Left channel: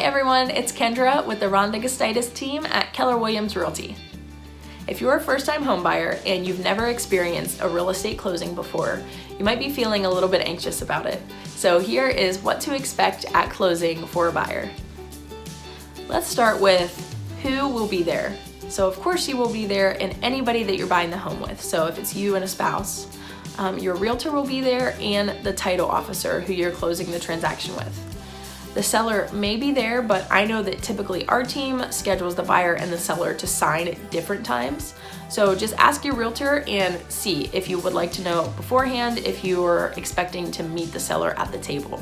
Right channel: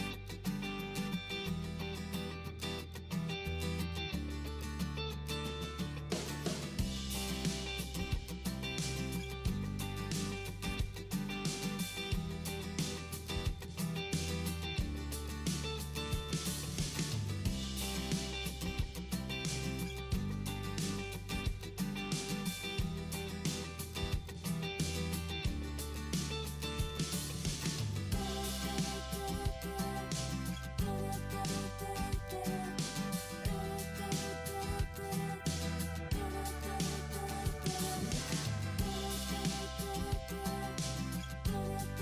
everyone, it's Kendra with the Rhonda Gustitus Team at Keller Realty. If you're a first-time homebuyer and you've never experienced a real estate closing before, you might be feeling a little bit anxious about it. So here is what to expect at closing for a buyer. Let's start with who will be there. So of course you will be there and anybody that you're buying the home with. So if it's you and a spouse, your realtor will be there and the title officer who you're closing the transaction with. The seller may be there, but I know that typically our team schedules the buyer and the seller to sign at different times. So just ask your realtor and see if you would like to know beforehand if you are expecting to meet the seller at the table.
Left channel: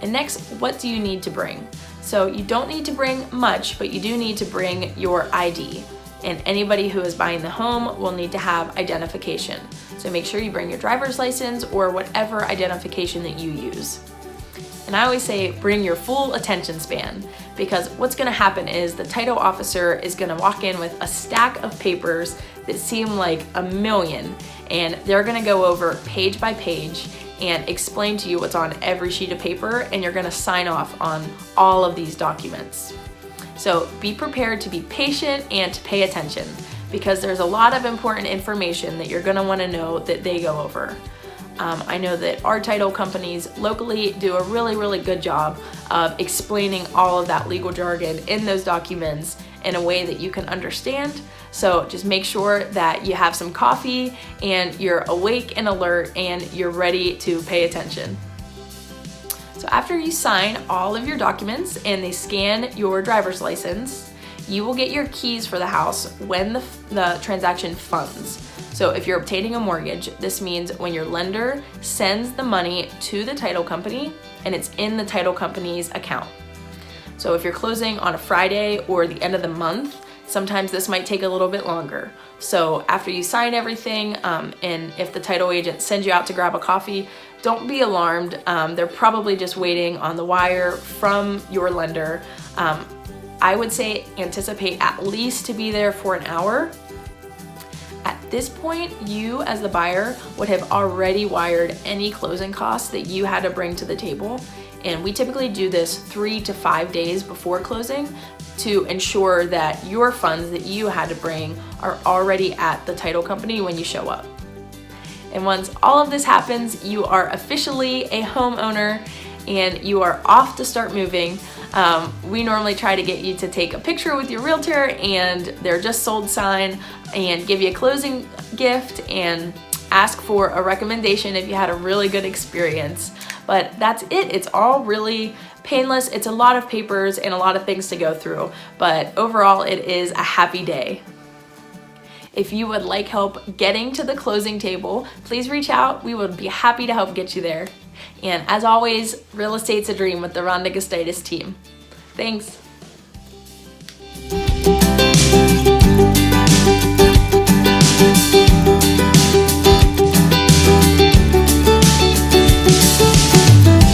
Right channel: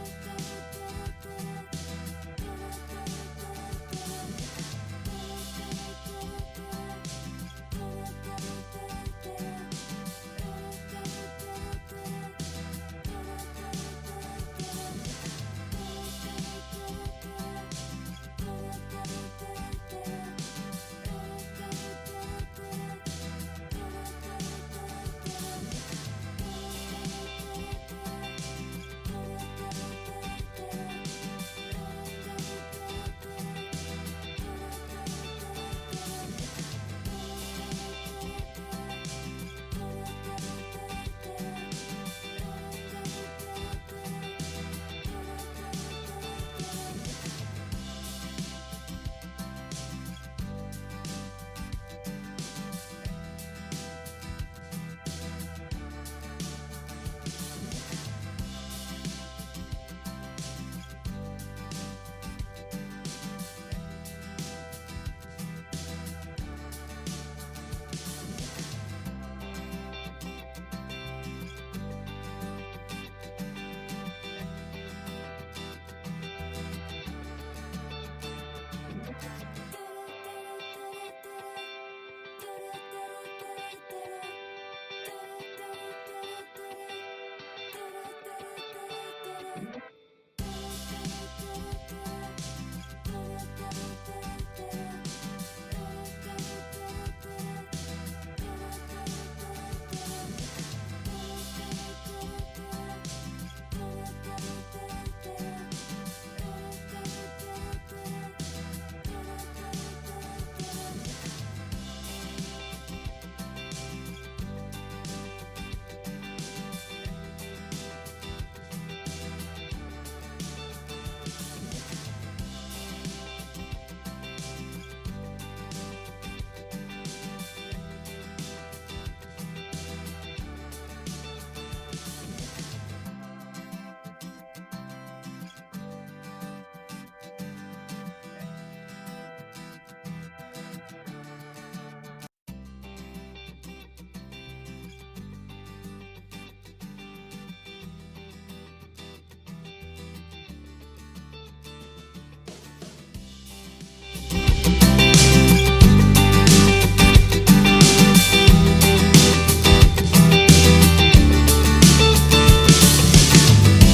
And next, what do you need to bring? So you don't need to bring much, but you do need to bring your ID. And anybody who is buying the home will need to have identification. So make sure you bring your driver's license or whatever identification that you use. And I always say bring your full attention span, because what's gonna happen is the title officer is gonna walk in with a stack of papers that seem like a million, and they're gonna go over page by page and explain to you what's on every sheet of paper, and you're gonna sign off on all of these documents. So be prepared to be patient and to pay attention, because there's a lot of important information that you're gonna wanna know that they go over. I know that our title companies locally do a really good job of explaining all of that legal jargon in those documents in a way that you can understand. So just make sure that you have some coffee and you're awake and alert and you're ready to pay attention. So after you sign all of your documents and they scan your driver's license, you will get your keys for the house when the transaction funds. So if you're obtaining a mortgage, this means when your lender sends the money to the title company and it's in the title company's account. So if you're closing on a Friday or the end of the month, sometimes this might take a little bit longer. So after you sign everything, and if the title agent sends you out to grab a coffee, don't be alarmed. They're probably just waiting on the wire from your lender. I would say anticipate at least to be there for an hour. At this point, you as the buyer would have already wired any closing costs that you had to bring to the table. And we typically do this 3 to 5 days before closing to ensure that your funds that you had to bring are already at the title company when you show up. And once all of this happens, you are officially a homeowner and you are off to start moving. We normally try to get you to take a picture with your realtor and their just sold sign and give you a closing gift and ask for a recommendation if you had a really good experience. But that's it. It's all really painless. It's a lot of papers and a lot of things to go through, but overall it is a happy day. If you would like help getting to the closing table, please reach out. We would be happy to help get you there. And as always, real estate's a dream with the Rhonda Gustitus Team. Thanks.